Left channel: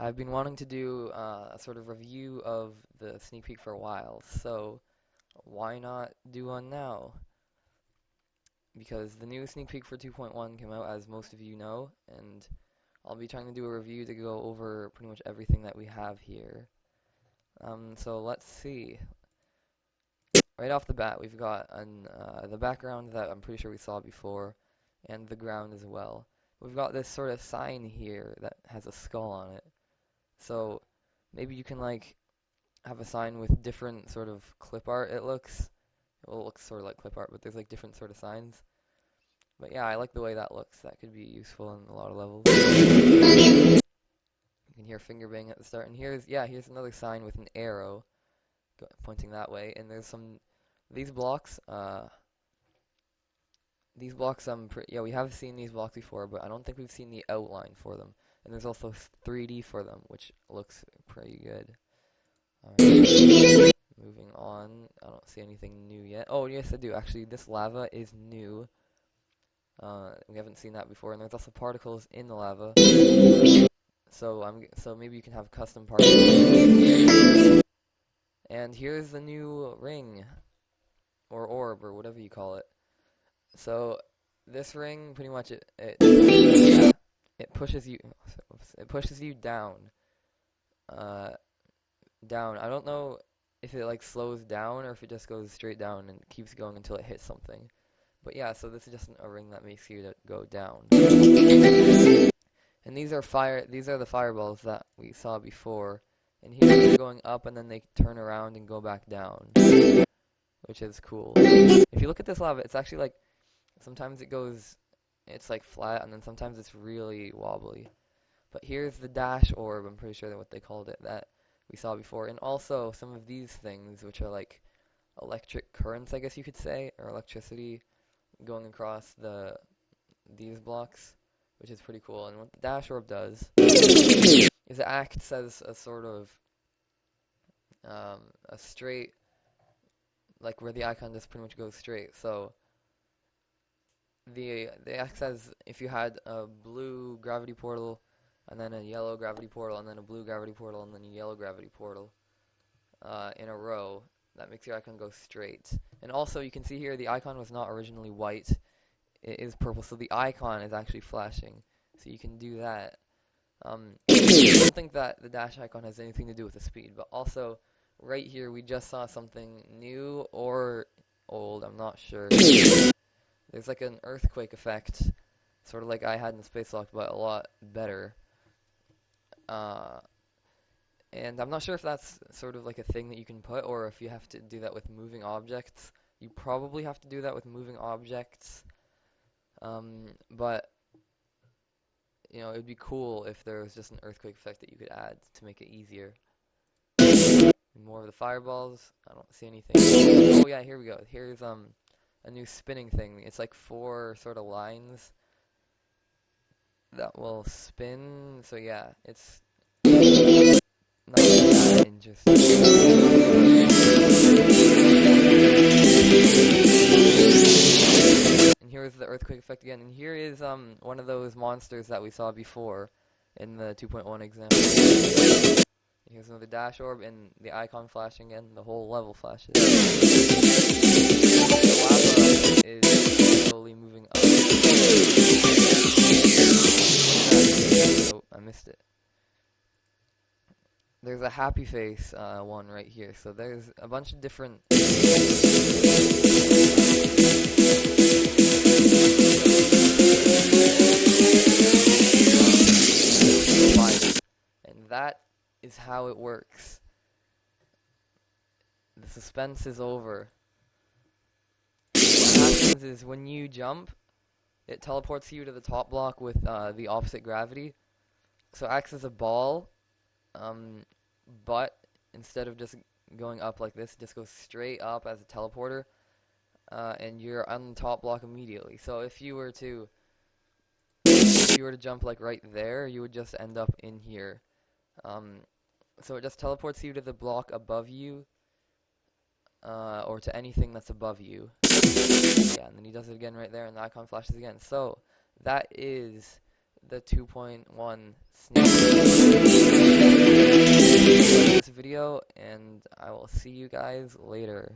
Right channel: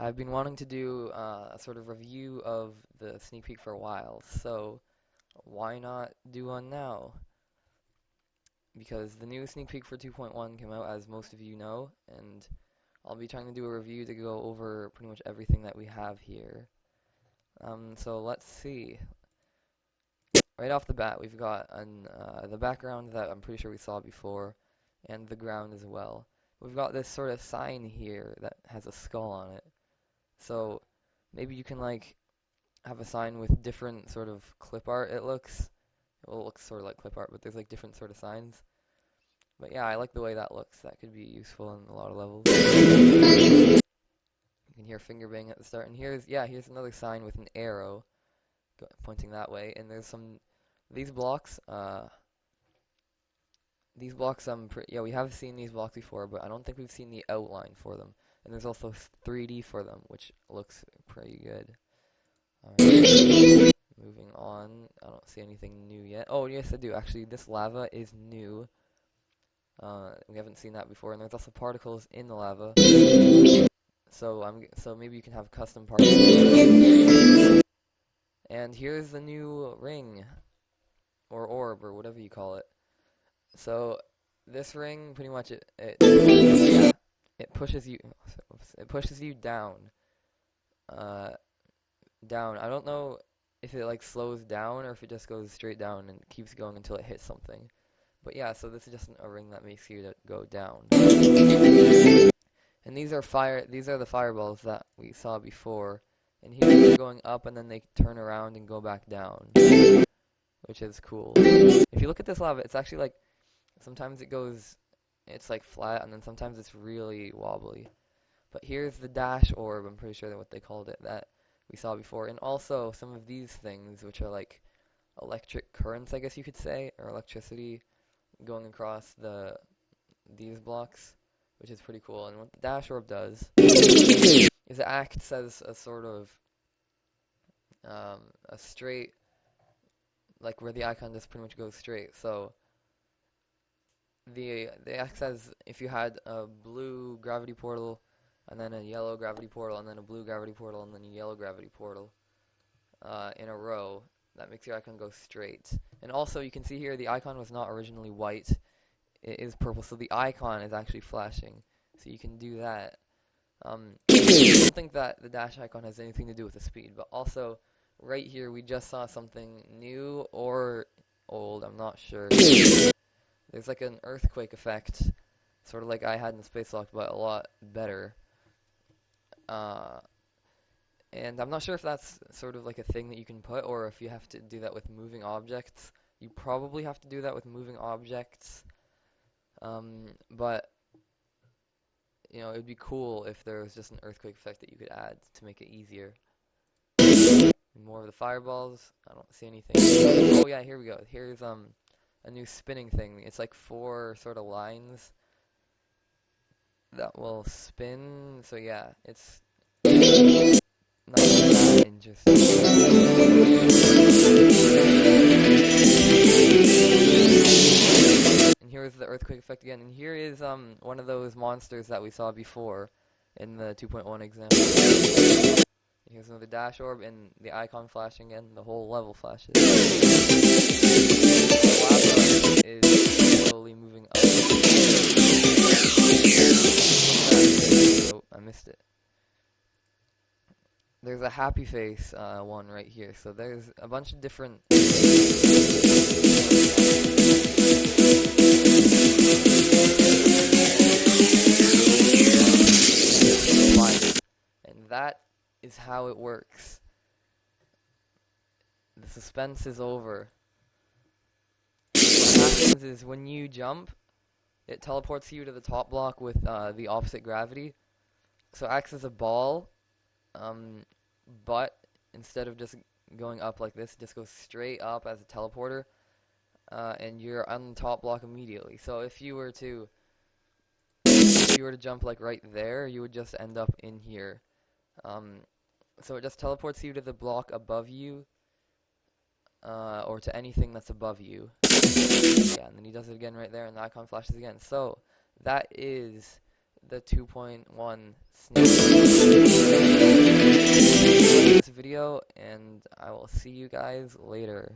I've been wanting to do a sort of review of the sneak peek for a while, so why not do one now? Because the new sneak peek for 2.1 came out, as most of you know, and I'll be trying to do a review to go over pretty much everything that we have here. So let's see. Right off the bat, we've got the background that I'm pretty sure we saw before, and the ground as well. We've got this sort of sign here that has a skull on it. So maybe you can like have a sign with different sort of clip art. It looks sort of like clip art, but there's like different sort of signs. But yeah, I like the way that looks. That could be useful in a lot of levels. You can hear finger bang at the start, and here's another sign with an arrow pointing that way. And there's these blocks. We have seen these blocks before, but I don't think we've seen the outline for them. And there's also 3D for them, which looks pretty good. Alright, moving on. I don't see anything new yet. Oh, yes, I do. Actually, this lava is new. We haven't seen that before, and there's also particles in the lava. So maybe you can have custom particles. And here's the new ring, or orb, or whatever you call it. So this ring, pretty much, it pushes you down. Down. I don't know if it like slows down or if it just goes straight down and keeps going until it hits something. But yeah, so this is just a ring that makes you to go down. And these are the fireballs that we saw before. And here they're going up and then they turn around and go back down, which is cool. If you look at this lava, it's actually like sometimes it's like flat, and then sometimes it's really wobbly. But here's the dash orb, I'm pretty sure that's what they called it, that we saw before. And also some of these things, which are like electric currents, I guess you could say, or electricity going across these blocks, which is pretty cool. And what the dash orb does is it acts as a sort of a straight, like where the icon just pretty much goes straight. So they act as if you had a blue gravity portal, and then a yellow gravity portal, and then a blue gravity portal, and then a yellow gravity portal in a row. That makes your icon go straight. And also, you can see here the icon was not originally white. It is purple, so the icon is actually flashing. So you can do that. I don't think that the dash icon has anything to do with the speed, but also, right here, we just saw something new or old, I'm not sure. There's like an earthquake effect, sort of like I had in Spacelock, but a lot better. And I'm not sure if that's sort of like a thing that you can put, or if you have to do that with moving objects. You probably have to do that with moving objects. But, you know, it would be cool if there was just an earthquake effect that you could add to make it easier. More of the fireballs. I don't see anything. Oh yeah, here we go. Here's a new spinning thing. It's like 4 sort of lines that will spin. So yeah, it's not that interesting. And here's the earthquake effect again. And here is one of those monsters that we saw before in the 2.1 example. Here's another dash orb, and the icon flashing again. The whole level flashes. The lava is slowly moving up. Oh, I missed it. There's a happy face one right here. So there's a bunch of different. And that is how it works. The suspense is over. What happens is when you jump, it teleports you to the top block with the opposite gravity. So it acts as a ball, but instead of just going up like this, it just goes straight up as a teleporter, and you're on the top block immediately. So if you were to jump like right there, you would just end up in here. So it just teleports you to the block above you, or to anything that's above you. Yeah, and then he does it again right there, and the icon flashes again. So that is the 2.1 sneak peek. Like this video, and I will see you guys later.